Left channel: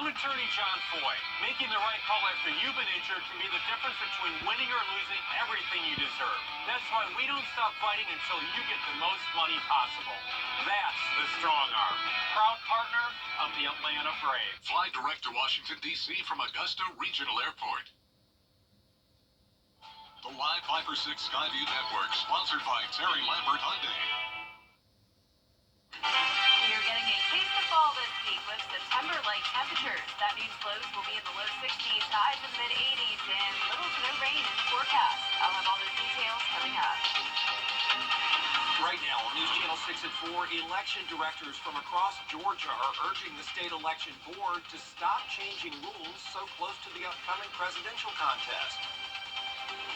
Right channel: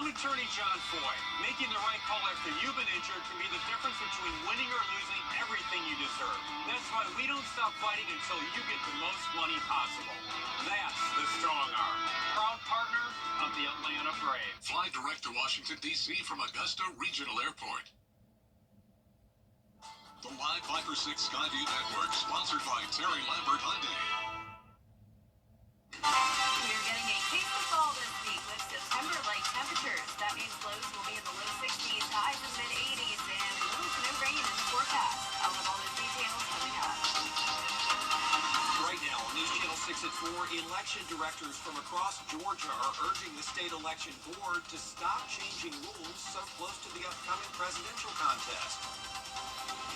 I'm attorney John Foy. Making the right call after you've been injured can be the difference between winning or losing everything you deserve. That's why we don't stop fighting until you get the most money possible. That's the Strong Arm. Proud partner of the Atlanta Braves. Fly direct to Washington, D.C. from Augusta Regional Airport. The Live 5-for-6 Skyview Network, sponsored by Terry Lambert Hyundai. We're getting a taste of fall this week with September-like temperatures. That means lows will be in the low 60s, highs in the mid-80s, and little to no rain in the forecast. I'll have all those details coming up. Right now on News Channel 6 at 4, election directors from across Georgia are urging the state election board to stop changing rules so close to the upcoming presidential contest.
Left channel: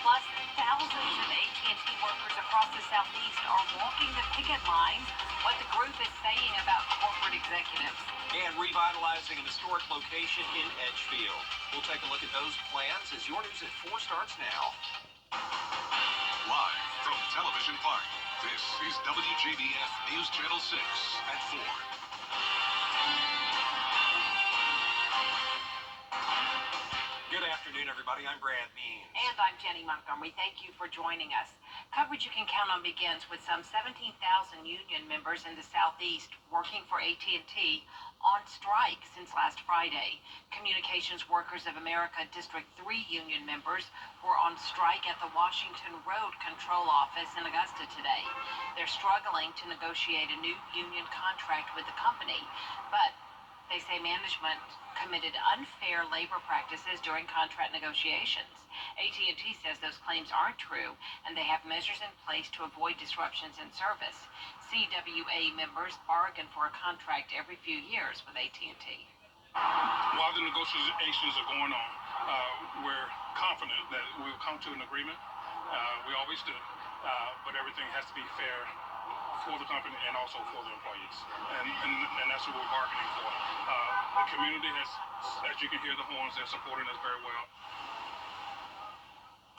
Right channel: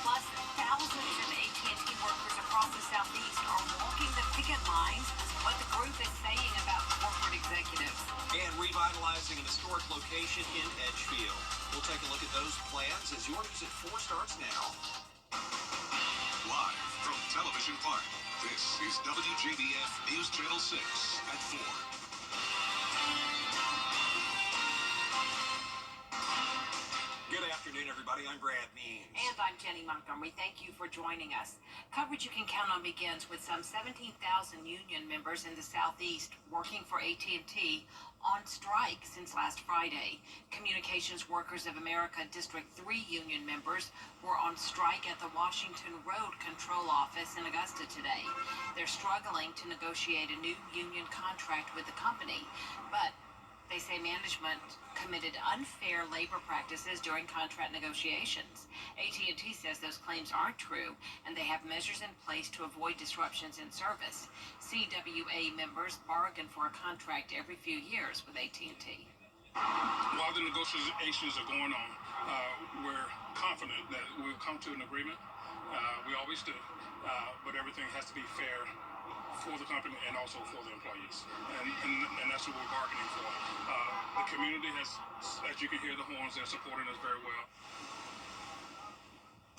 Plus, thousands of AT&T workers across the Southeast are walking the picket lines. What the group is saying about corporate executives. And revitalizing an historic location in Edgefield. We'll take a look at those plans as your News at 4 starts now. Live from Television Park, this is WJBF News Channel 6 at 4. Good afternoon, everybody. I'm Brad Means. And I'm Jenny Montgomery. Thank you for joining us. Coverage you can count on begins with some 17,000 union members in the Southeast working for AT&T on strike since last Friday. Communications Workers of America District 3 union members were on strike at the Washington Road Control Office in Augusta today. They're struggling to negotiate a new union contract with the company, but they say management committed unfair labor practices during contract negotiations. AT&T says those claims aren't true, and they have measures in place to avoid disruptions in service. CWA members bargain for a contract every few years with AT&T. While the negotiations are going on, we're confident that we'll come to an agreement. We always do, but everything has to be fair for the company and also for the employees, and that's what we're bargaining for. The community has, as you can hear the horns, they're supporting us very well.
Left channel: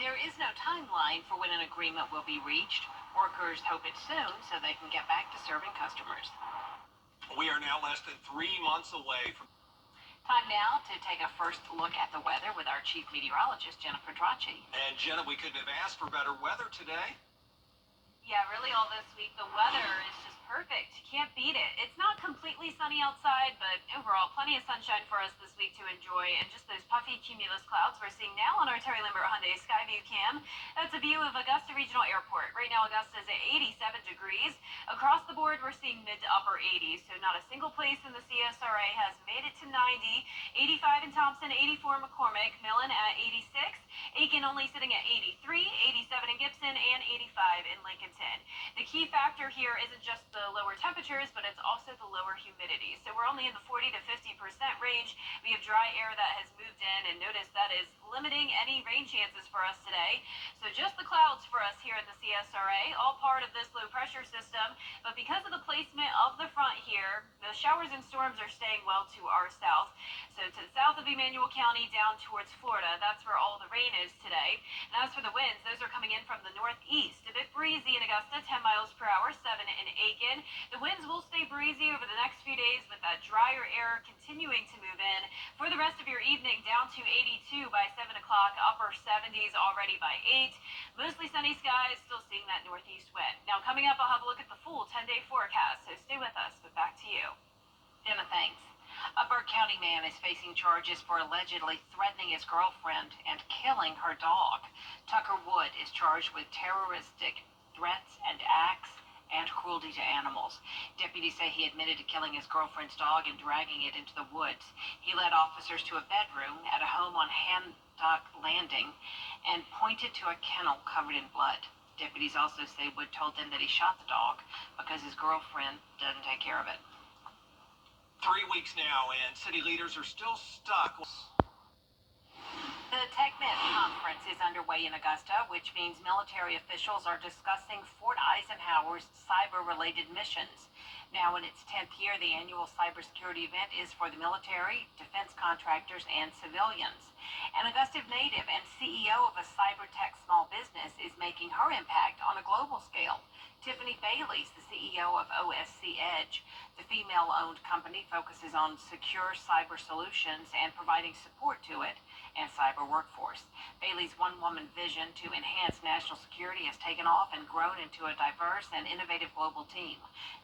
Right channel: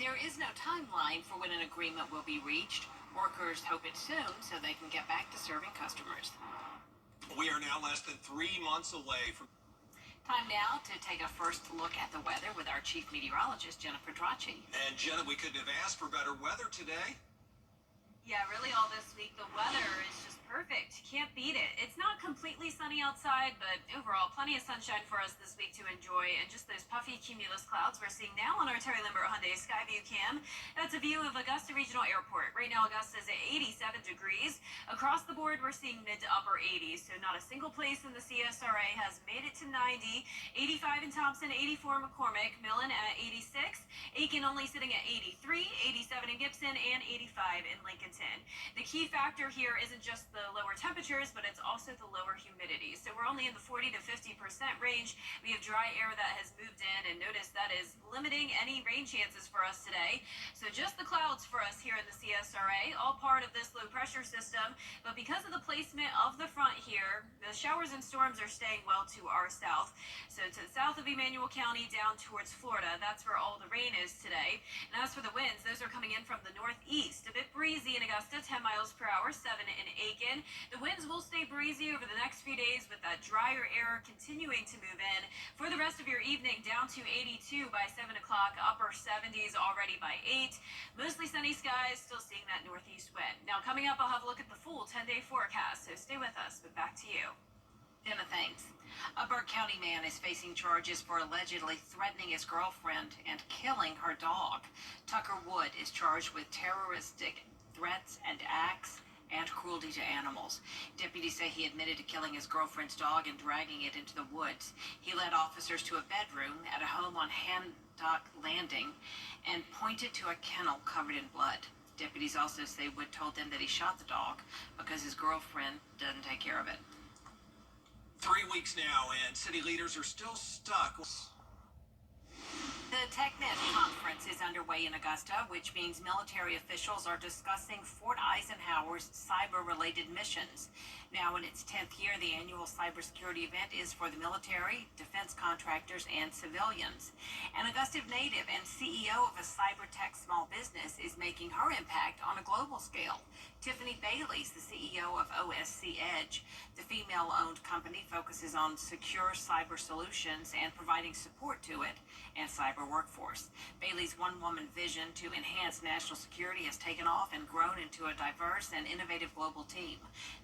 There is no timeline for when an agreement will be reached. Workers hope it's soon so they can get back to serving customers. We are now less than 3 months away from... Time now to take a first look at the weather with our chief meteorologist, Jennifer Tracci. And Jenna, we couldn't have asked for better weather today. Yeah, really all this week, the weather is just perfect. Can't beat it. It's not completely sunny outside, but overall, plenty of sunshine for us this week to enjoy. And just those puffy cumulus clouds we're seeing now on our Terry Lambert Hyundai Skyview cam. That's a view of Augusta Regional Airport. Right now, Augusta is at 87 degrees. Across the board, we're seeing mid to upper 80s. So not a single place in the CSRA has made it to 90. 85 in Thompson, 84 in McCormick, Millen at 86. Aiken only sitting at 83, 87 in Gibson, and 85 in Lincoln. The key factor here isn't just the lower temperatures, but it's also the lower humidity. So we're only in the 40 to 50% range. We have dry air that has moved in, and notice that is limiting any rain chances for us today. So just the clouds for us here in the CSRA, all part of this low pressure system. But because of the placement of the front here, the showers and storms are staying well to our south. So to the south of Emmanuel County down towards Florida, that's where all the rain is today. And as for the winds, those are coming in from the northeast. A bit breezy in Augusta, 10 miles per hour, 7 in Aiken. The winds will stay breezy over the next few days with that drier air continuing to move in. For the rest of your evening, down to 82 by 7 o'clock, upper 70s already by 8. Mostly sunny skies, still seeing that northeast wind. Now coming up, I'll have a look at the full 10-day forecast, so stay with us, but back to you. Emma, thanks. A Burke County man is facing charges for allegedly threatening his girlfriend and killing her dog. Tucker Wood is charged with terroristic threats and acts and cruelty to animals. Deputies say he admitted to killing his girlfriend's dog and dragging it into the woods. He led officers to a bedroom at a home on Handock Landing and pointed to a kennel covered in blood. Deputies also say Wood told them that he shot the dog because his girlfriend doesn't take care of it. 3 weeks now, and city leaders are still stuck. The TechNet conference is underway in Augusta, which means military officials are discussing Fort Eisenhower's cyber-related missions. Now, in its 10th year, the annual cybersecurity event is for the military, defense contractors, and civilians. An Augusta native and CEO of a cyber tech small business is making her impact on a global scale. Tiffany Bailey's the CEO of OSC Edge. The female-owned company focuses on secure cyber solutions and providing support to it and cyber workforce. Bailey's one-woman vision to enhance national security has taken off and grown into a diverse and innovative global team.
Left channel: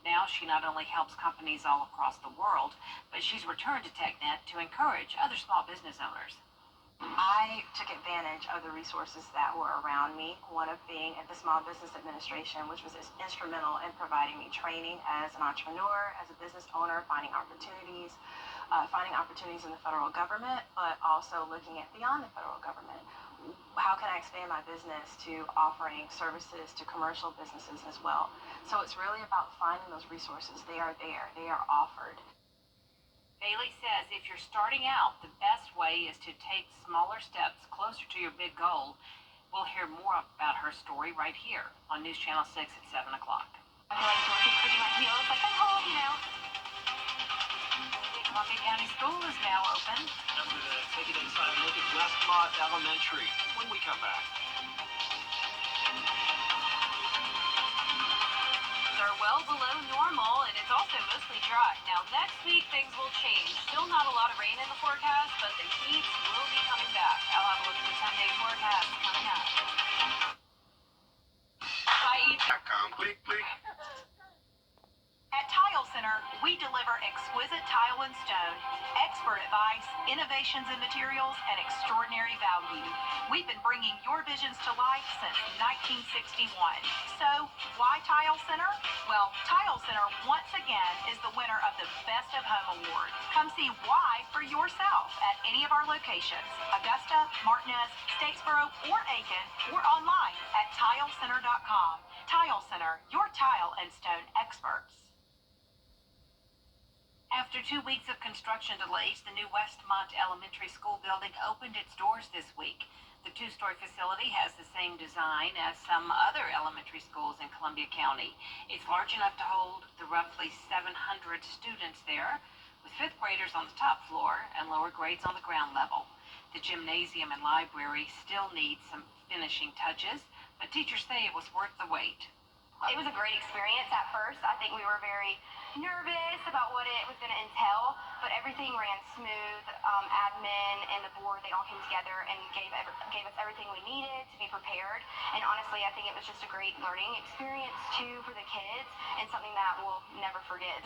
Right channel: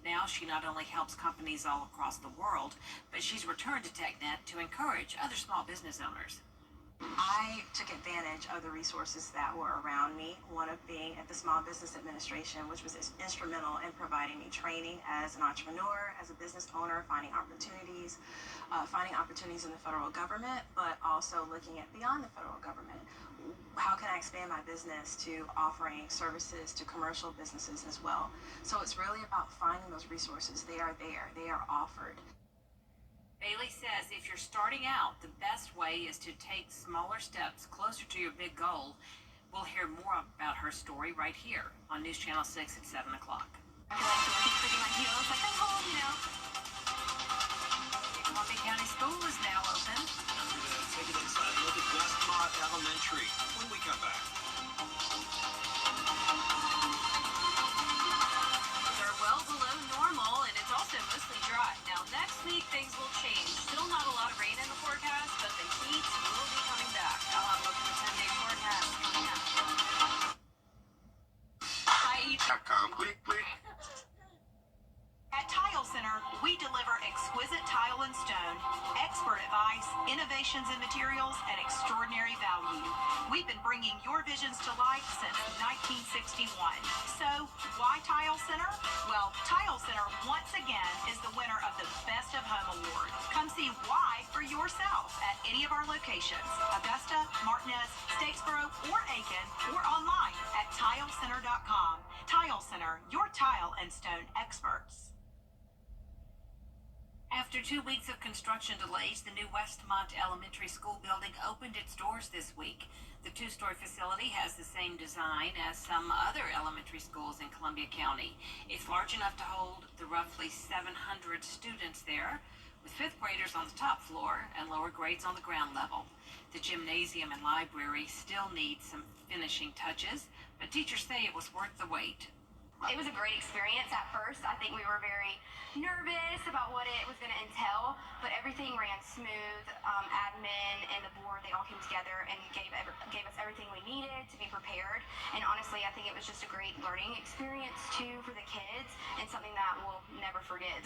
Now she not only helps companies all across the world, but she's returned to TechNet to encourage other small business owners. I took advantage of the resources that were around me, one of being at the Small Business Administration, which was instrumental in providing me training as an entrepreneur, as a business owner, finding opportunities in the federal government, but also looking at beyond the federal government. How can I expand my business to offering services to commercial businesses as well? So it's really about finding those resources. They are there. They are offered. Bailey says if you're starting out, the best way is to take smaller steps closer to your big goal. We'll hear more about her story right here on News Channel 6 at 7 o'clock. I feel like Dorothy clicking my heels, like I'm home, you know. Columbia County School is now open. I'm going to take it inside and look at Westmont Elementary when we come back. Are well below normal, and it's also mostly dry. Now, next week, things will change. Still not a lot of rain in the forecast, but the heat will be coming back. I'll have a look at the 10-day forecast coming up. Weekly. At Tile Center, we deliver exquisite tile and stone, expert advice, innovations in materials, and extraordinary value. We've been bringing your visions to life since 1961. So, why Tile Center? Well, Tile Center once again is the winner of the Best of Home Award. Come see why for yourself at any of our locations: Augusta, Martinez, Statesboro, or Aiken, or online at tilecenter.com. Tile Center, your tile and stone experts. After 2 weeks of construction delays, the new Westmont Elementary School building opened its doors this week. The two-story facility has the same design as some other elementary schools in Columbia County. It's large enough to hold the roughly 700 students there, with fifth graders on the top floor and lower grades on the ground level. The gymnasium and library still need some finishing touches, but teachers say it was worth the wait. It was a great experience at first. I think we were very nervous about what it was going to entail, but everything ran smooth. Admin and the board, they all came together and gave us everything we needed to be prepared. And honestly, I think it was just a great learning experience too for the kids, and something that we'll never forget.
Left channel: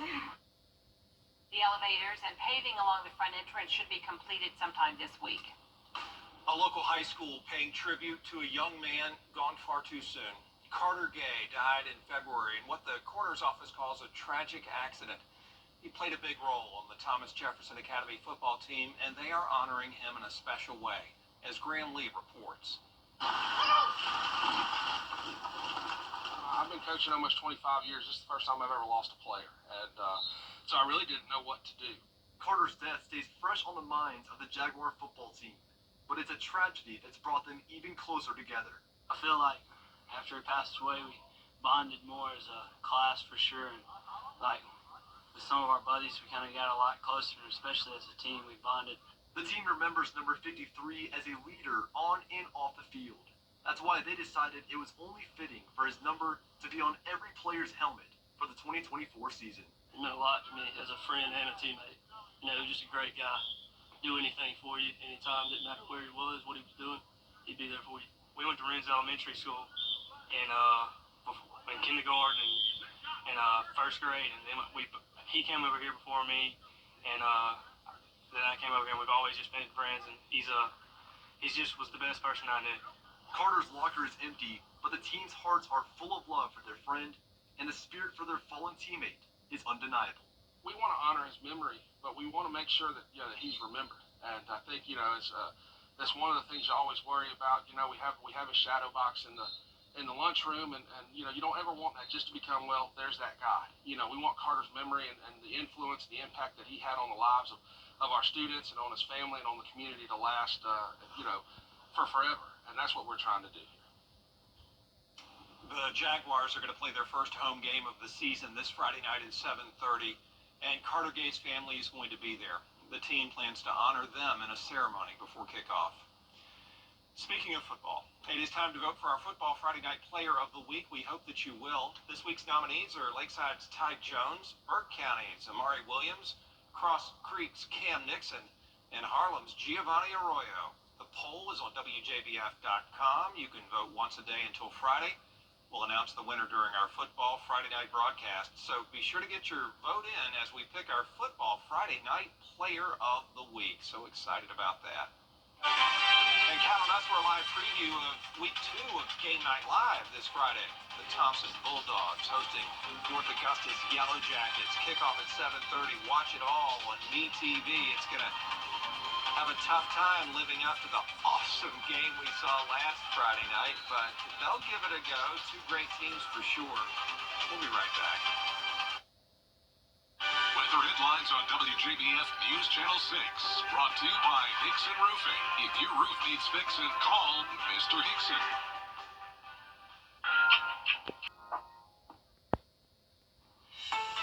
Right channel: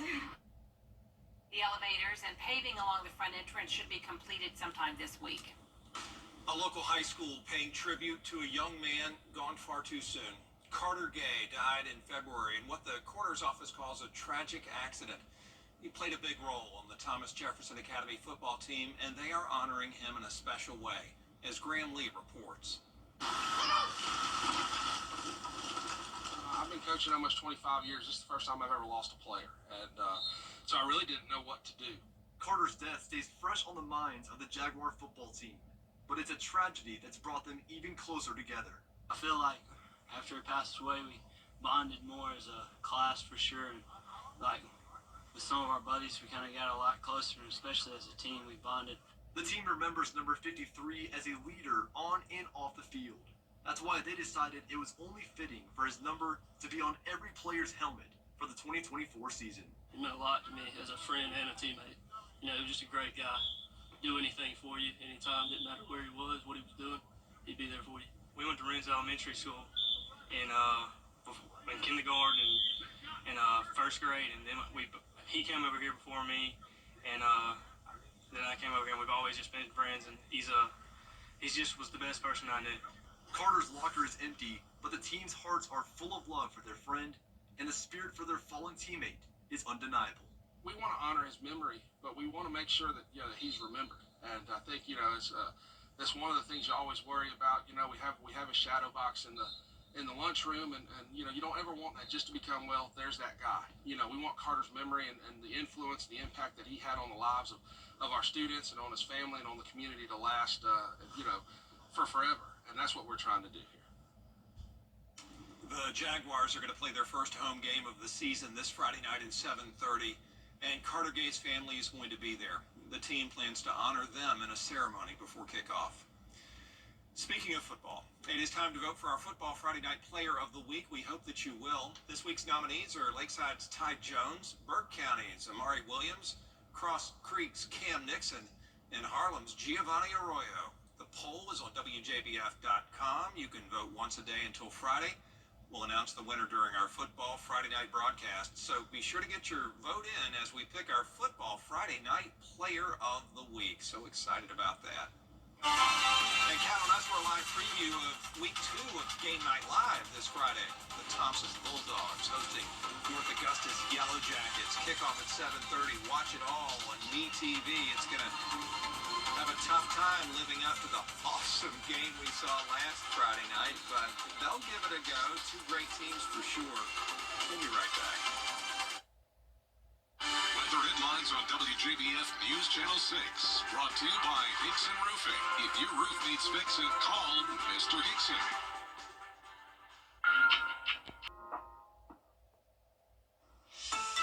The elevators and paving along the front entrance should be completed sometime this week. A local high school paying tribute to a young man gone far too soon. Carter Gay died in February in what the coroner's office calls a tragic accident. He played a big role on the Thomas Jefferson Academy football team, and they are honoring him in a special way, as Graham Lee reports. I've been coaching almost 25 years. This is the first time I've ever lost a player, and so I really didn't know what to do. Carter's death stays fresh on the minds of the Jaguar football team, but it's a tragedy that's brought them even closer together. I feel like after he passed away, we bonded more as a class for sure. And like with some of our buddies, we kind of got a lot closer, and especially as a team, we bonded. The team remembers number 53 as a leader on and off the field. That's why they decided it was only fitting for his number to be on every player's helmet for the 2024 season. It meant a lot to me as a friend and a teammate. You know, he was just a great guy. Do anything for you anytime, didn't matter where he was, what he was doing, he'd be there for you. We went to Renz Elementary School in kindergarten and first grade, and then he came over here before me, and then I came over here, and we've always just been friends, and he's just was the best person I knew. Carter's locker is empty, but the team's hearts are full of love for their friend, and the spirit for their fallen teammate is undeniable. We want to honor his memory, but we want to make sure that that he's remembered. And I think it's that's one of the things you always worry about. We have a shadow box in the lunchroom, and you don't ever want that just to become, well, there's that guy. We want Carter's memory and the influence, the impact that he had on the lives of our students and on his family and on the community to last for forever. And that's what we're trying to do here. The Jaguars are going to play their first home game of the season this Friday night at 7:30, and Carter Gay's family is going to be there. The team plans to honor them in a ceremony before kickoff. Speaking of football, it is time to vote for our Football Friday Night Player of the Week. We hope that you will. This week's nominees are Lakeside's Ty Jones, Burke County's Amari Williams, Cross Creek's Cam Nixon, and Harlem's Giovanni Arroyo. The poll is on WJBF.com. You can vote once a day until Friday. We'll announce the winner during our Football Friday Night broadcast, so be sure to get your vote in as we pick our Football Friday Night Player of the Week. So excited about that. And count on us for a live preview of Week 2 of Game Night Live this Friday. The Thompson Bulldogs hosting North Augustus Yellow Jackets. Kickoff at 7:30. Watch it all on MeTV. It's going to have a tough time living up to the awesome game we saw last Friday night, but they'll give it a go. Two great teams for sure. We'll be right back. Weather headlines on WJBF News Channel 6. Brought to you by Hickson Roofing. If your roof needs fixing, call Mr. Hickson.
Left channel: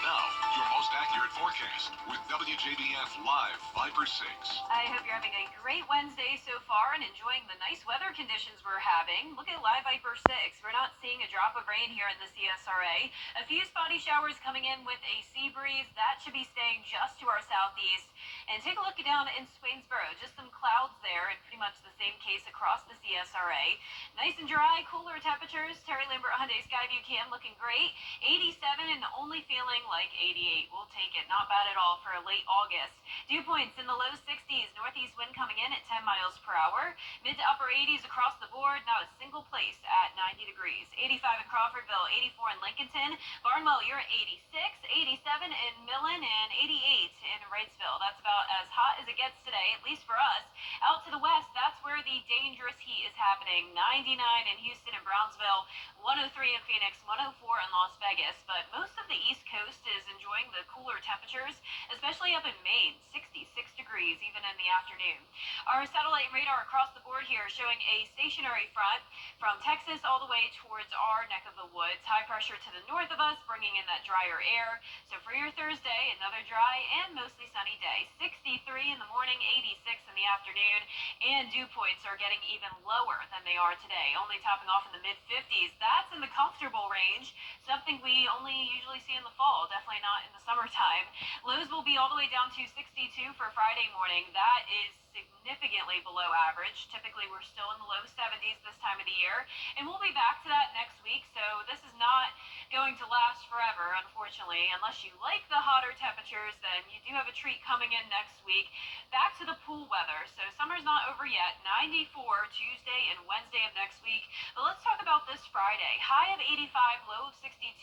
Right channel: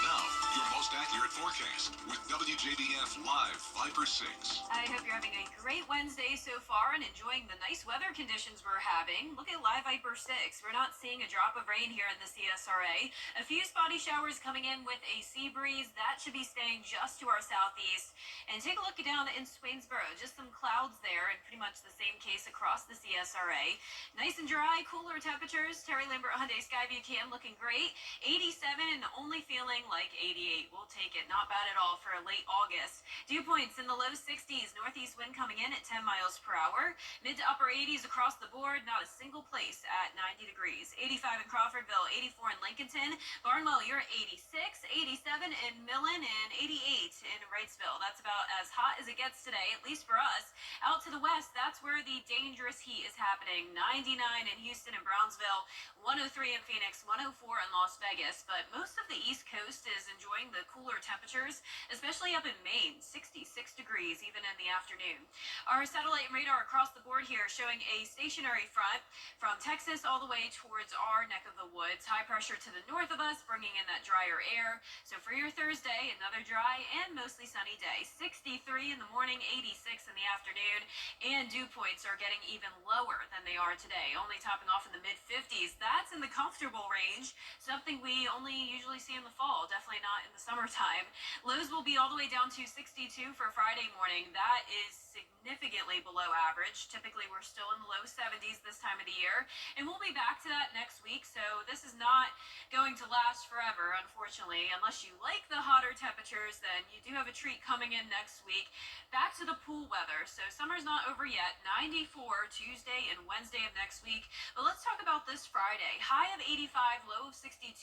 Now, your most accurate forecast with WJBF Live Viper 6. I hope you're having a great Wednesday so far and enjoying the nice weather conditions we're having. Look at Live Viper 6. We're not seeing a drop of rain here in the CSRA. A few spotty showers coming in with a sea breeze. That should be staying just to our southeast. And take a look down in Swainsboro. Just some clouds there, and pretty much the same case across the CSRA. Nice and dry, cooler temperatures. Terry Lambert Hyundai Skyview Cam looking great. 87 and only feeling like 88. We'll take it. Not bad at all for a late August. Dew points in the low 60s. Northeast wind coming in at 10 miles per hour. Mid to upper 80s across the board. Not a single place at 90 degrees. 85 in Crawfordville, 84 in Lincolnton. Barnwell, you're at 86, 87 in Millen, and 88 in Wrightsville. That's about as hot as it gets today, at least for us. Out to the west, that's where the dangerous heat is happening. 99 in Houston and Brownsville, 103 in Phoenix, 104 in Las Vegas. But most of the East Coast is enjoying the cooler temperatures, especially up in Maine, 66 degrees even in the afternoon. Our satellite and radar across the board here showing a stationary front from Texas all the way towards our neck of the woods. High pressure to the north of us, bringing in that drier air. So for your Thursday, another dry and mostly sunny day. 63 in the morning, 86 in the afternoon, and dew points are getting even lower than they are today, only topping off in the mid-50s. That's in the comfortable range, something we only usually see in the fall, definitely not in the summertime. Lows will be all the way down to 62 for Friday morning. That is significantly below average. Typically, we're still in the low 70s this time of the year, and we'll be back to that next week. So this is not going to last forever, unfortunately. Unless you like the hotter temperatures, then you do have a treat coming in next week. Back to the pool weather. So summer's not over yet. 94 Tuesday and Wednesday of next week. But let's talk about this Friday. High of 85, low of 62.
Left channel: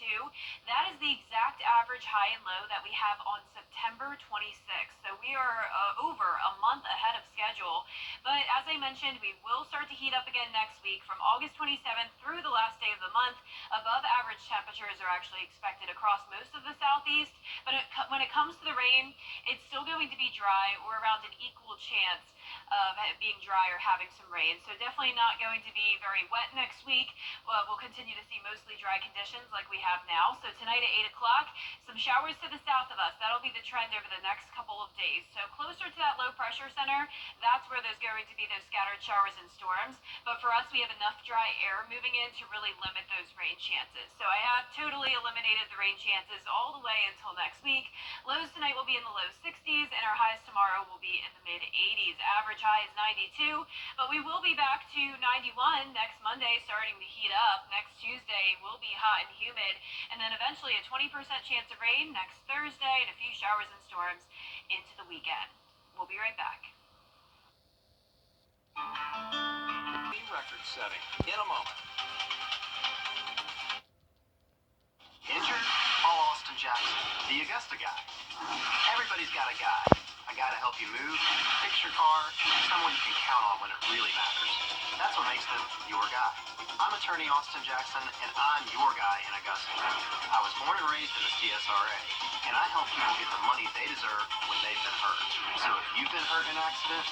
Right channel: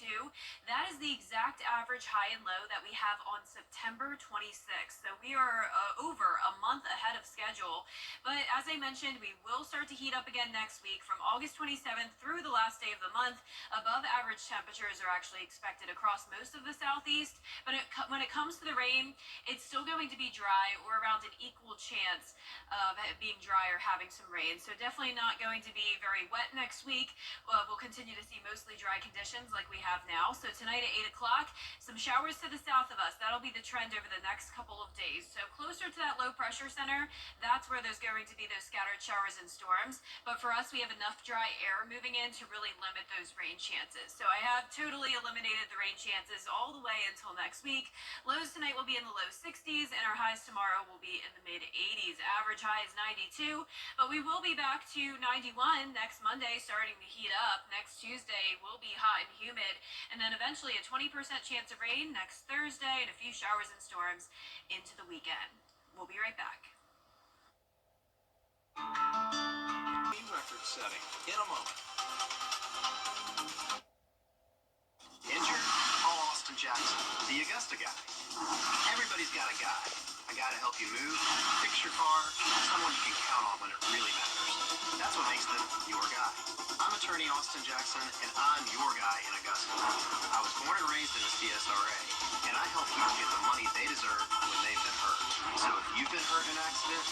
That is the exact average high and low that we have on September 26th. So we are over a month ahead of schedule. But as I mentioned, we will start to heat up again next week from August 27th through the last day of the month. Above average temperatures are actually expected across most of the southeast. But when it comes to the rain, it's still going to be dry or around an equal chance of it being dry or having some rain. So definitely not going to be very wet next week. We'll continue to see mostly dry conditions like we have now. So tonight at 8 o'clock, some showers to the south of us. That'll be the trend over the next couple of days. So closer to that low pressure center, that's where there's going to be those scattered showers and storms. But for us, we have enough dry air moving in to really limit those rain chances. So I have totally eliminated the rain chances all the way until next week. Lows tonight will be in the low 60s, and our highs tomorrow will be in the mid 80s. Average high is 92, but we will be back to 91 next Monday, starting to heat up. Next Tuesday will be hot and humid, and then eventually a 20% chance of rain next Thursday and a few showers and storms into the weekend. We'll be right back. Record setting in a moment. Injured? Call Austin Jackson, the Augusta guy. Everybody's got a guy. A guy to help you move, fix your car, someone you can count on when it really matters. That's what makes them your guy. I'm attorney Austin Jackson, and I'm your guy in Augusta. I was born and raised in the CSRA, and I help people get the money they deserve when they've been hurt. So if you've been hurt in an accident,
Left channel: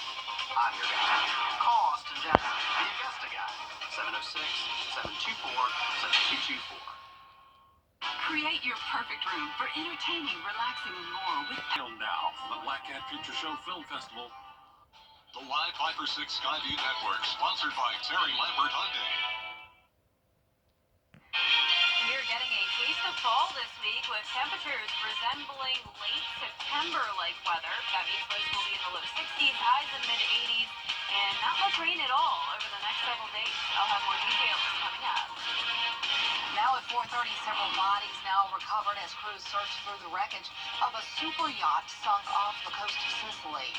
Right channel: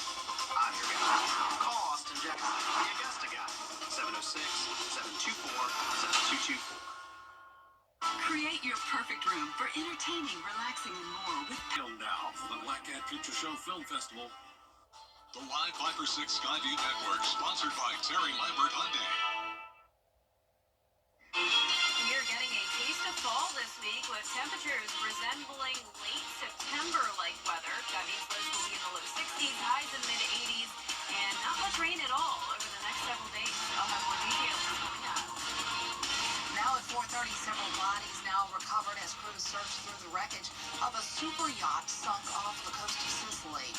I'm your guy. Call Austin Jackson, the Augusta guy. 706-724-7224. Create your perfect room for entertaining, relaxing, and more with Now from the Black Cat Feature Show Film Festival. The Live 5 for 6 Skyview Network, sponsored by Terry Lambert Hyundai. We are getting a taste of fall this week with temperatures resembling late September-like weather. That means lows will be in the low 60s, highs in mid-80s, and not much rain at all over the next several days. I'll have more details coming up. Now at 4:30, several bodies now recovered as crews search through the wreckage of a super yacht sunk off the coast of Sicily.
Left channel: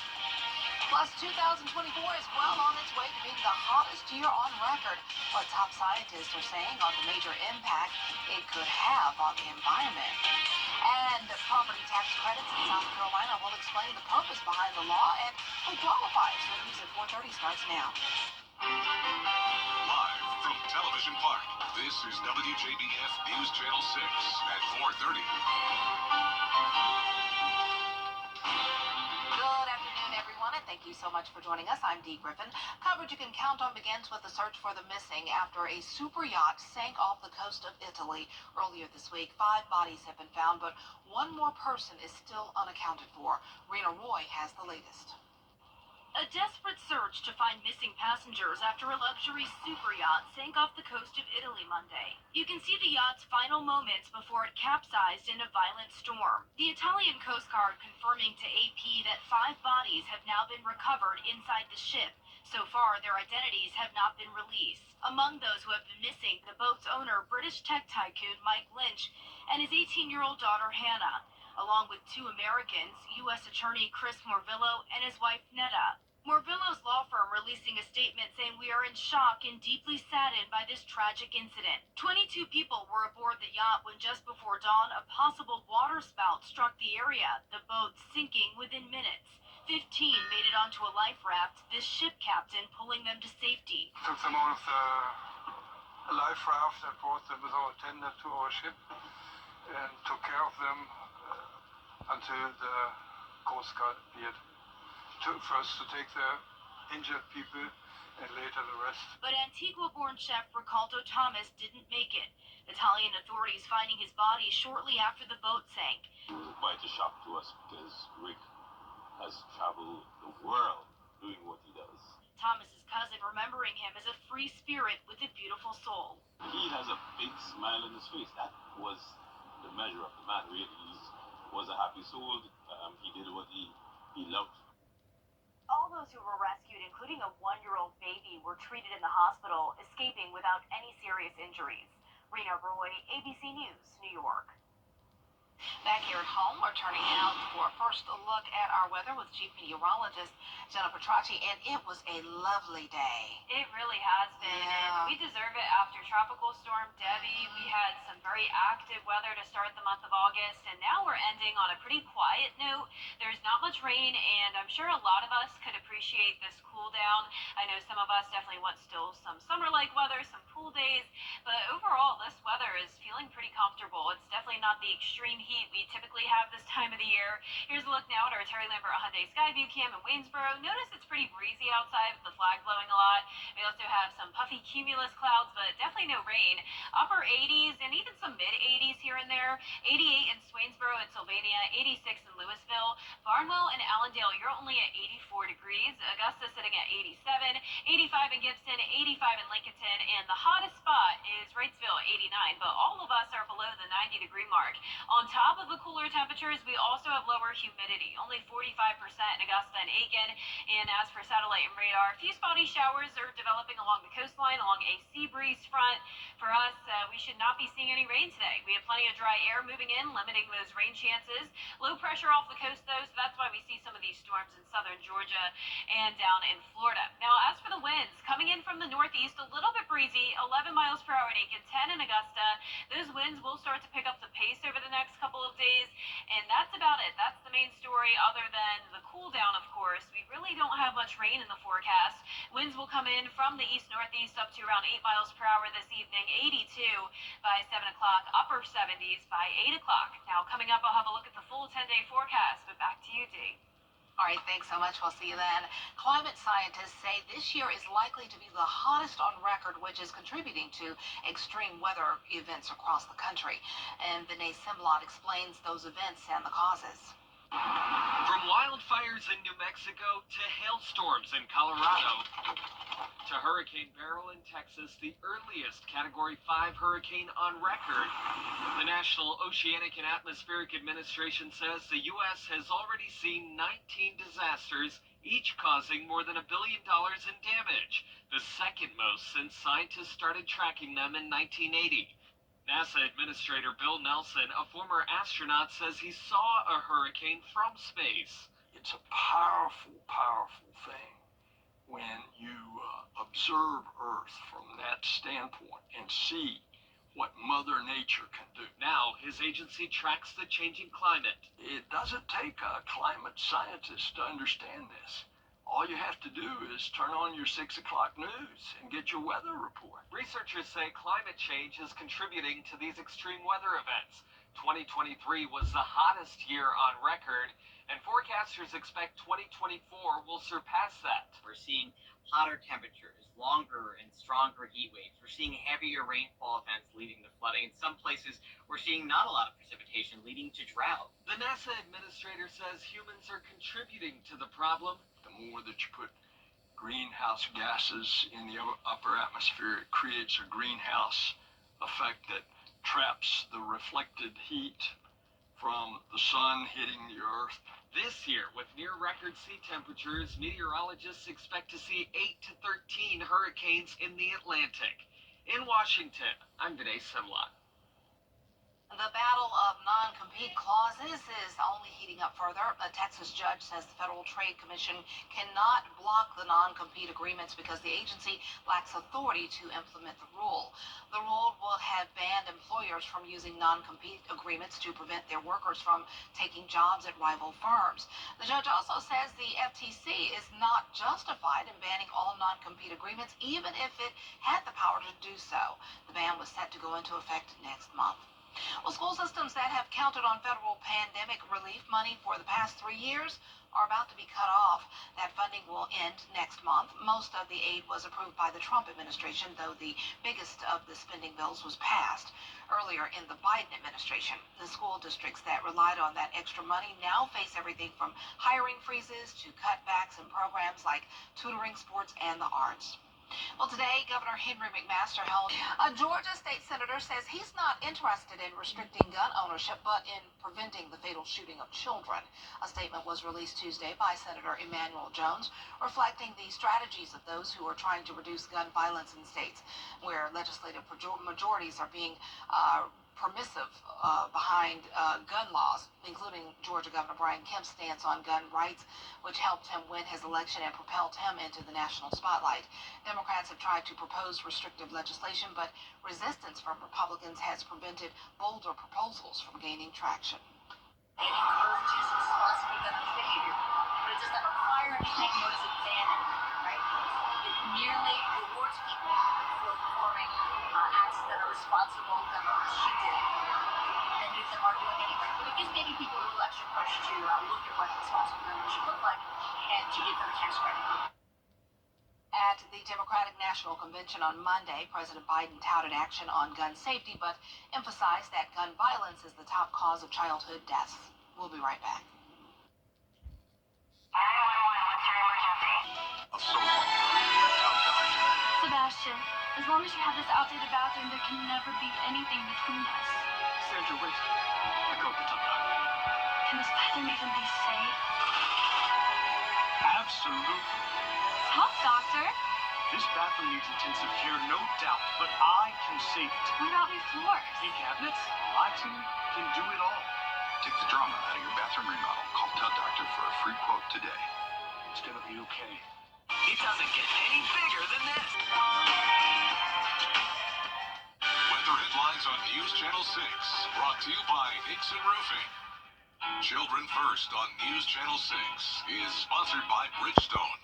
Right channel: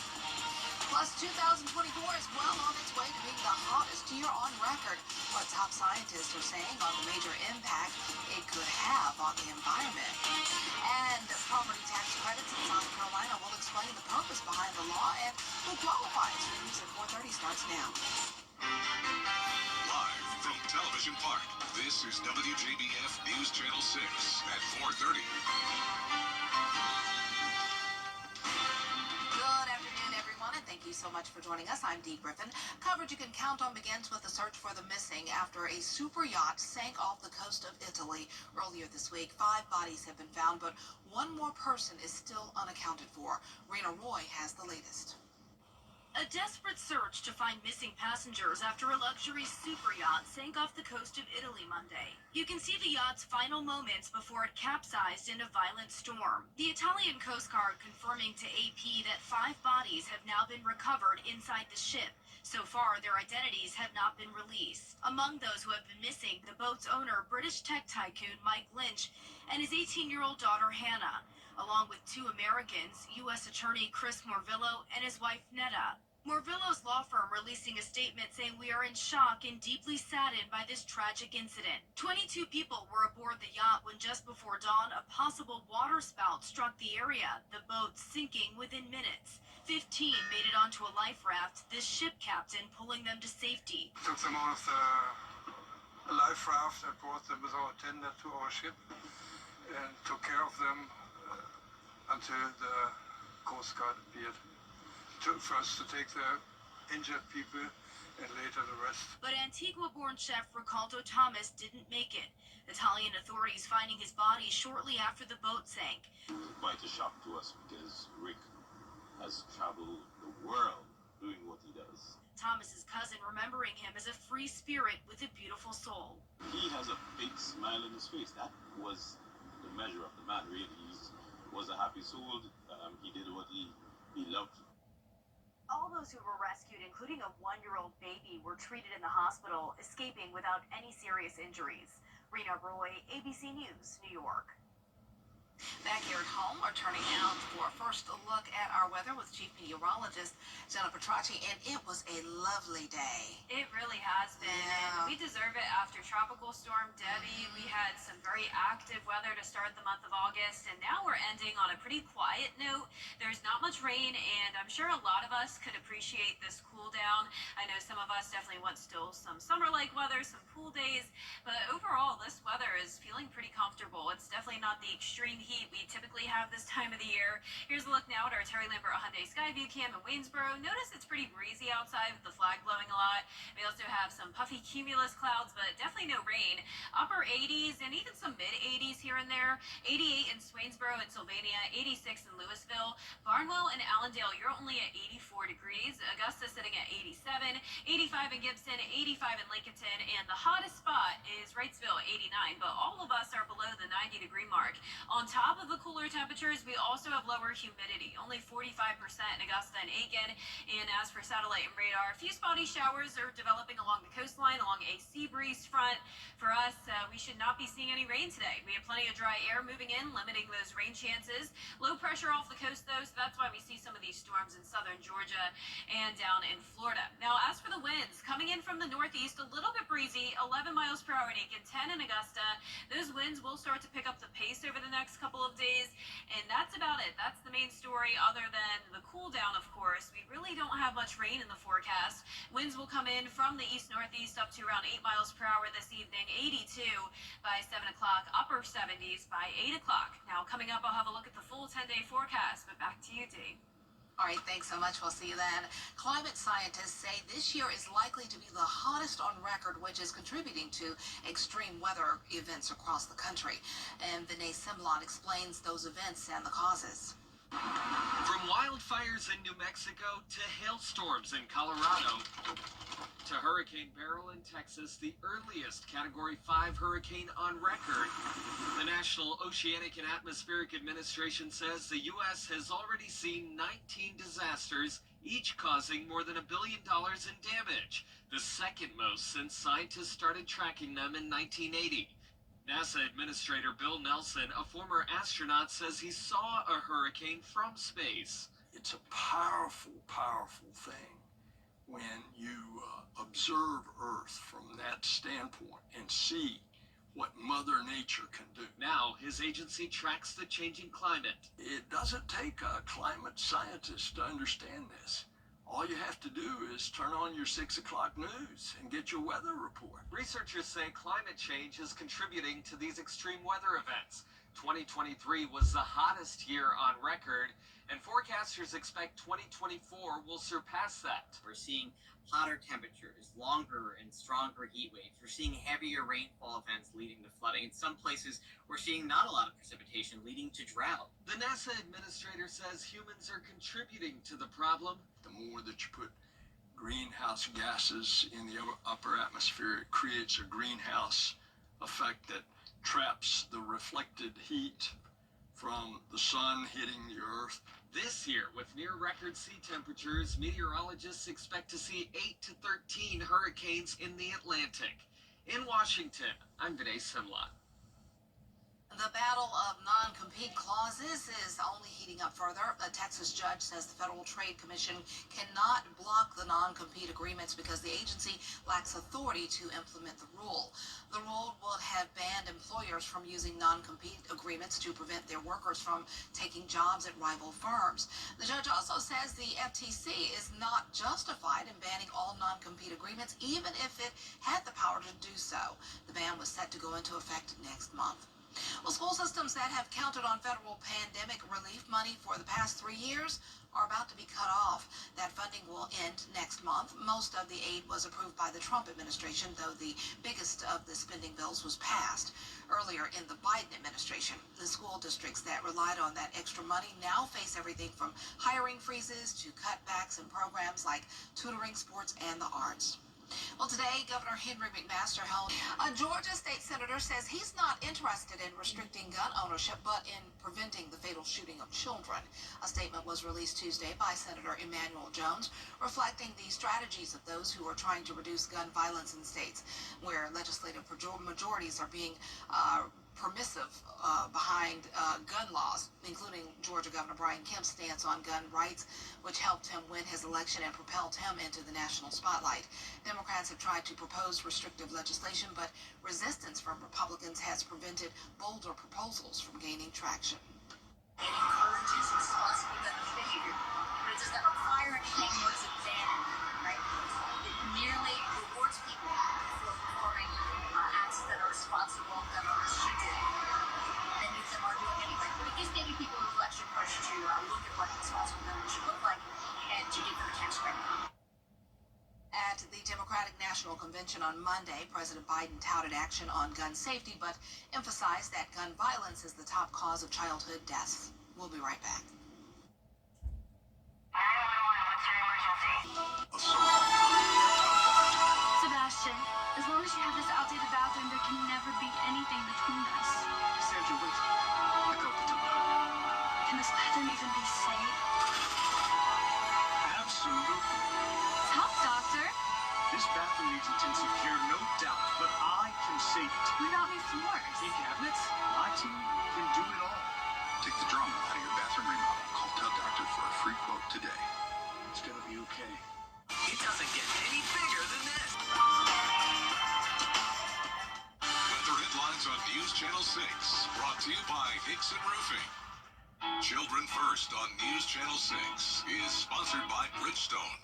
Plus, 2024 is well on its way to being the hottest year on record. What top scientists are saying on the major impact it could have on the environment. And property tax credits in South Carolina will explain the purpose behind the law and who qualifies. News at 4:30 starts now. Live from Television Park, this is WJBF News Channel 6 at 4:30. Good afternoon, everyone, and thank you so much for joining us. I'm Dee Griffin. Coverage you can count on begins with the search for the missing after a super yacht sank off the coast of Italy earlier this week. 5 bodies have been found, but one more person is still unaccounted for. Rena Roy has the latest. A desperate search to find missing passengers after a luxury super yacht sank off the coast of Italy Monday. You can see the yacht's final moments before it capsized in a violent storm. The Italian Coast Guard confirming to AP that 5 bodies have now been recovered inside the ship. So far, their identities have not been released. Among those who have been missing, the boat's owner, British tech tycoon Mike Lynch, and his 18-year-old daughter Hannah, along with 2 Americans, U.S. Attorney Chris Morvillo and his wife Netta. Morvillo's law firm releasing a statement saying, "We are in shock and deeply saddened by this tragic incident." 22 people were aboard the yacht when just before dawn, a possible water spout struck the area, the boat sinking within minutes. 15 made it onto a life raft, this ship captain pulling them to safety. Took them out of the life raft and brought them with our tender to our ship and took care of them until the Coast Guard appeared. First to take the injured people and later the rest. But Antigua-born chef Ricaldo Thomas didn't make it. Italian authorities finding his body shortly after the boat sank. It was quite a shock to us because Rick has traveled the world doing what he does. Thomas's cousin remembering him as a free spirit with a beautiful soul. He has a big smile on his face. That was the measure of the man, really. He was a happy soul. He did what he loved. All those who were rescued, including a 1-year-old baby, were treated in the hospital, escaping without any serious injuries. Rena Roy, ABC News, New York. Back here at home, we're turning out for a first look at our weather with Chief Meteorologist Jenna Petracci, and it was a lovely day. It really has been, and we deserve it after Tropical Storm Debbie. We had some very active weather to start the month of August, and now we're ending on a pretty quiet note. There's not much rain, and I'm sure a lot of us could appreciate this cool down. I know some of us definitely want still some summer-like weather, some pool days, but overall, this weather is feeling pretty comfortable. It's definitely not the extreme heat we typically have this time of the year. Here's a look now at our Terry Lambert Hyundai Skyview cam in Waynesboro. Notice it's pretty breezy outside with the flag blowing a lot. We also have some puffy cumulus clouds, but definitely no rain. Upper 80s and even some mid 80s here and there. 88 in Swainsboro and Sylvania, 86 in Louisville. Barnwell and Allendale, you're only at 84 degrees. Augusta sitting at 87, 85 in Gibson, 85 in Lincolnton, and the hottest spot is Wrightsville, 89. But all of us are below the 90-degree mark. On top of the cooler temperatures, we also have lower humidity, only 45% in Augusta and Aiken. And as for satellite and radar, a few spotty showers are developing along the coastline, along a sea breeze front. For us, we should not be seeing any rain today. We have plenty of dry air moving in, limiting those rain chances. Low pressure off the coast, though, so that's why we see some of these storms in southern Georgia and down in Florida. Now, as for the winds, coming in from the northeast, a little bit breezy, 11 miles per hour in Aiken, 10 in Augusta. Those winds will start to pick up the pace over the next couple of days, and that's about it. That's the main story, other than the cool down, of course. We really don't have much rain in the forecast. Winds will come in from the east-northeast up to around 8 miles per hour this evening, 82 by 7 o'clock, upper 70s by 8 o'clock. Now, coming up, I'll have a look at the full 10-day forecast, but back to you, Dee. All right, thanks so much. We'll see you then. Climate scientists say this year is likely to be the hottest on record, which is contributing to extreme weather events across the country. And Vinay Simlot explains those events and the causes. From wildfires in New Mexico to hailstorms in Colorado to Hurricane Beryl in Texas, the earliest Category 5 hurricane on record, the National Oceanic and Atmospheric Administration says the U.S. has already seen 19 disasters, each causing more than $1 billion in damage, the second most since scientists started tracking them in 1980. NASA Administrator Bill Nelson, a former astronaut, says he saw a hurricane from space. It's a powerful, powerful thing when you observe Earth from that standpoint and see what Mother Nature can do. Now, his agency tracks the changing climate. It doesn't take a climate scientist to understand this. All you have to do is turn on your 6 o'clock news and get your weather report. Researchers say climate change is contributing to these extreme weather events. 2023 was the hottest year on record, and forecasters expect 2024 will surpass that. We're seeing hotter temperatures, longer and stronger heat waves. We're seeing heavier rainfall events leading to flooding. In some places, we're seeing not a lot of precipitation leading to drought. The NASA administrator says humans are contributing to the problem. The more that you put greenhouse gases in the upper atmosphere, it creates a greenhouse effect that traps the reflected heat from the sun hitting the earth. This year, with near-record sea temperatures, meteorologists expect to see 8 to 13 hurricanes in the Atlantic. In Washington, I'm Vinay Simlot. The battle of non-compete clauses is only heating up further. A Texas judge says the Federal Trade Commission cannot block the non-compete agreements because the agency lacks authority to implement the rule. The rule would have banned employers from using non-compete agreements to prevent their workers from taking jobs at rival firms. The judge also says the FTC is not justified in banning all non-compete agreements, even if it had the power to do so. The ban was set to go into effect next month. Well, school systems that have counted on federal pandemic relief money for the past 3 years are about to be cut off. That funding will end next month. Most of the aid was approved by the Trump administration, though the biggest of the spending bills was passed earlier in the Biden administration. The school districts that relied on that extra money now face everything from hiring freezes to cutbacks in programs like tutoring, sports, and the arts. Well, today, Governor Henry McMaster held a Georgia state senator says he's not interested in restricting gun ownership, but in preventing the fatal shooting of children. A statement was released Tuesday by Senator Emanuel Jones, reflecting the strategies of those who are trying to reduce gun violence in states where legislative majorities are being permissive behind gun laws, including Georgia Governor Brian Kemp's stance on gun rights, which helped him win his election and propelled him into the national spotlight. Democrats have tried to propose restrictive legislation, but resistance from Republicans has prevented bolder proposals from gaining traction. It encourages responsible gun behavior, but it does not require anything nor does it ban anything, right? It merely rewards people for performing acts that are responsible gun owners should do. Many of them are doing anyway, but it gives maybe people a little extra push to look at what responsible gun owners should look like and to give them a tax credit. At the Democratic National Convention on Monday, President Biden touted action on gun safety, but emphasized that gun violence is the top cause of childhood deaths. We'll be right back. Sebastian, as long as you have this outdated bathroom, there can never be anything between us. Sandra, wait. I called the tub doctor. Can this bathroom even be safe? Absolutely. Talk, doctor. This bathroom needs intensive care, no doubt, but I can save it. What about new floors? New cabinets? My team can do it all. Take the drama out of your bathroom remodel. Call Tub Doctor for a free quote today. It's gonna be okay. It doesn't get any bigger than this. Weather headlines on News Channel 6, brought to you by Hickson Roofing. Children First on News Channel 6 is sponsored by Bridgestone.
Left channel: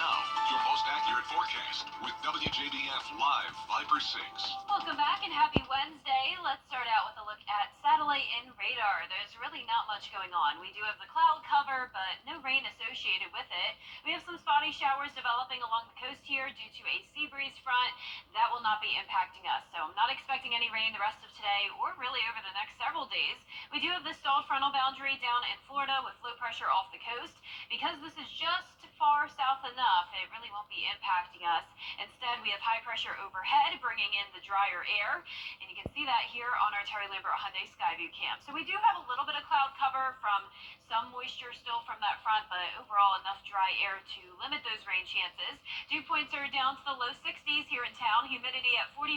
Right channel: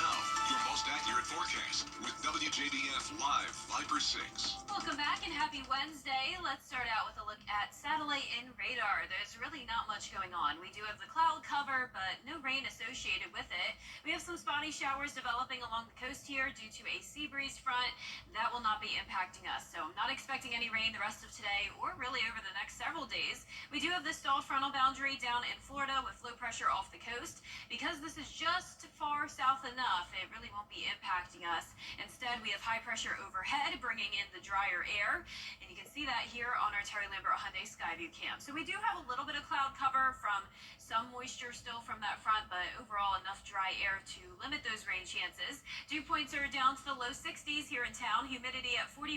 Now, your most accurate forecast with WJBF Live Viper 6. Welcome back and happy Wednesday. Let's start out with a look at satellite and radar. There's really not much going on. We do have the cloud cover, but no rain associated with it. We have some spotty showers developing along the coast here due to a sea breeze front. That will not be impacting us, so I'm not expecting any rain the rest of today or really over the next several days. We do have the stalled frontal boundary down in Florida with low pressure off the coast. Because this is just far south enough, it really won't be impacting us. Instead, we have high pressure overhead bringing in the drier air, and you can see that here on our Terry Lambert Hyundai Skyview cam. So we do have a little bit of cloud cover from some moisture still from that front, but overall enough dry air to limit those rain chances. Dew points are down to the low 60s here in town, humidity at 45%.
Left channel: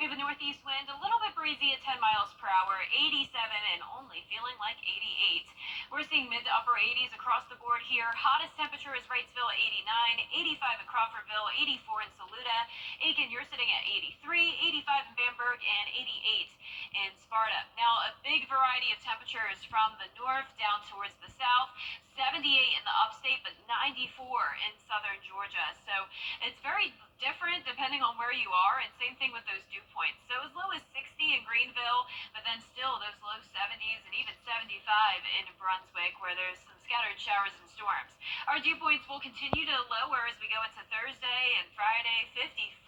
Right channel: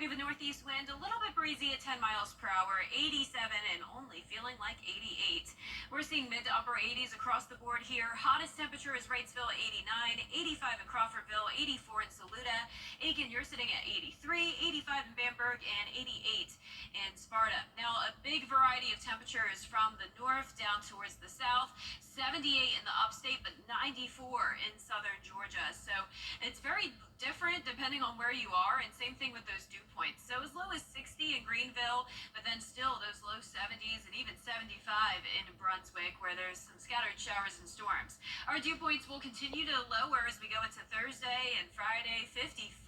We have a northeast wind, a little bit breezy at 10 miles per hour, 87 and only feeling like 88. We're seeing mid to upper 80s across the board here. Hottest temperature is Wrightsville, 89, 85 in Crawfordville, 84 in Saluda. Aiken, you're sitting at 83, 85 in Bamberg, and 88 in Sparta. Now, a big variety of temperatures from the north down towards the south. 78 in the upstate, but 94 in southern Georgia. So it's very different depending on where you are, and same thing with those dew points. So as low as 60 in Greenville, but then still those low 70s and even 75 in Brunswick, where there's some scattered showers and storms. Our dew points will continue to lower as we go into Thursday and Friday. 55,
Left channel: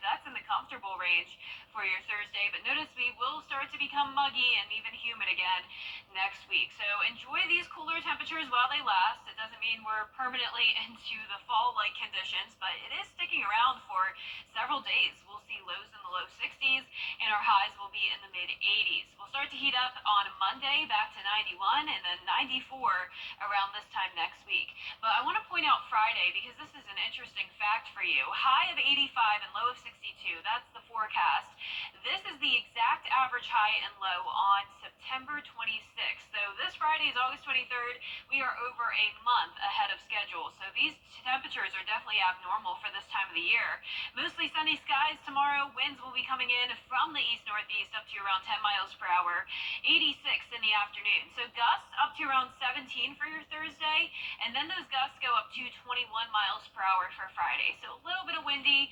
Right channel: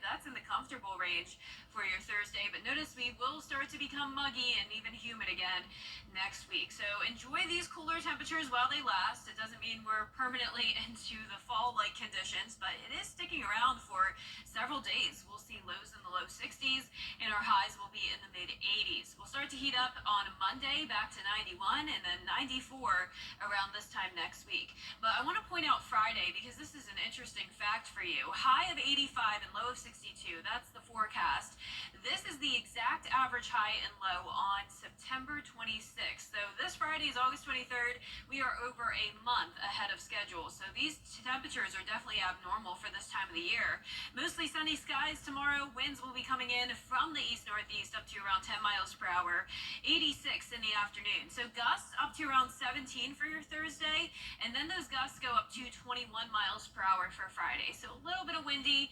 that's in the comfortable range for your Thursday, but notice we will start to become muggy and even humid again next week. So enjoy these cooler temperatures while they last. It doesn't mean we're permanently into the fall-like conditions, but it is sticking around for several days. We'll see lows in the low 60s, and our highs will be in the mid-80s. We'll start to heat up on Monday, back to 91, and then 94 around this time next week. But I want to point out Friday, because this is an interesting fact for you. High of 85 and low of 62, that's the forecast. This is the exact average high and low on September 26th. So this Friday is August 23rd. We are over a month ahead of schedule. So these temperatures are definitely abnormal for this time of the year. Mostly sunny skies tomorrow. Winds will be coming in from the east-northeast up to around 10 miles per hour. 86 in the afternoon. So gusts up to around 17 for your Thursday. And then those gusts go up to 21 miles per hour for Friday. So a little bit of windy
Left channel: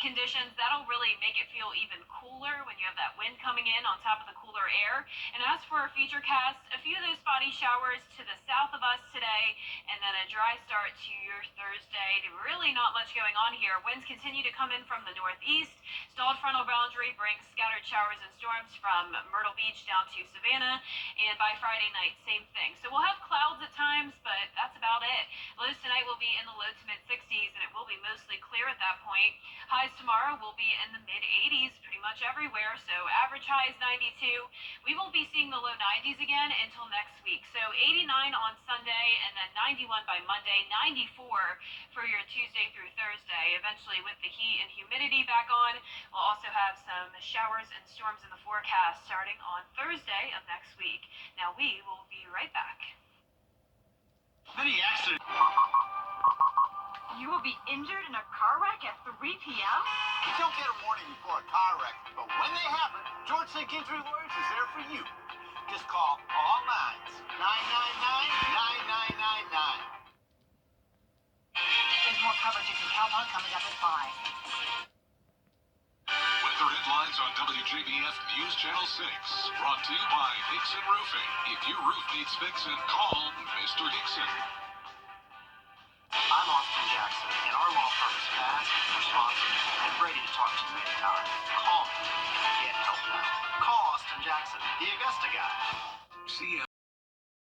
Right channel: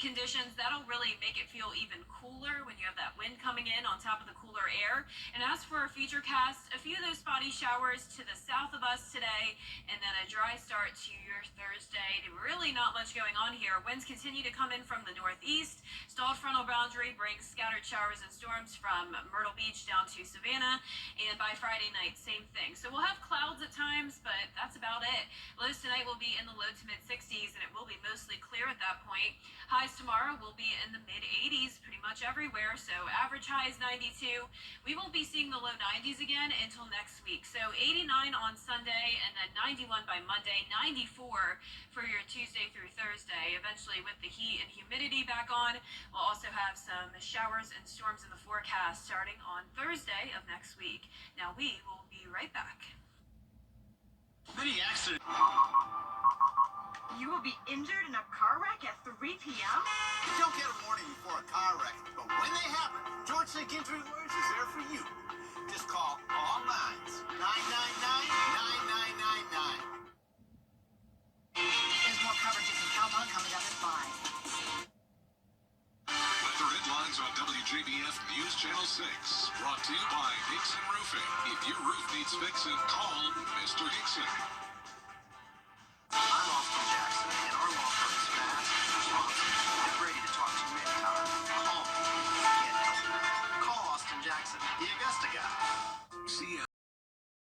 conditions. That'll really make it feel even cooler when you have that wind coming in on top of the cooler air. And as for our feature cast, a few of those spotty showers to the south of us today, and then a dry start to your Thursday. Really not much going on here. Winds continue to come in from the northeast. Stalled frontal boundary brings scattered showers and storms from Myrtle Beach down to Savannah, and by Friday night, same thing. So we'll have clouds at times, but that's about it. Lows tonight will be in the low to mid 60s, and it will be mostly clear at that point. Highs tomorrow will be in the mid 80s pretty much everywhere, so average high is 92. We won't be seeing the low 90s again until next week. So 89 on Sunday, and then 91 by Monday, 94 for your Tuesday through Thursday. Eventually, with the heat and humidity back on, we'll also have some showers and storms in the forecast starting on Thursday of next week. Now, we will be right back. Many accident. You will be injured in a car wreck at 3 p.m.? You don't get a warning before a car wreck, but when they happen, George St. Injury Lawyers is there for you. Just call all lines, 999-9999. There's more coverage you can count on coming up at 5. Weather headlines on WJBF News Channel 6. Brought to you by Hickson Roofing. If your roof needs fixing, call Mr. Hickson. I'm off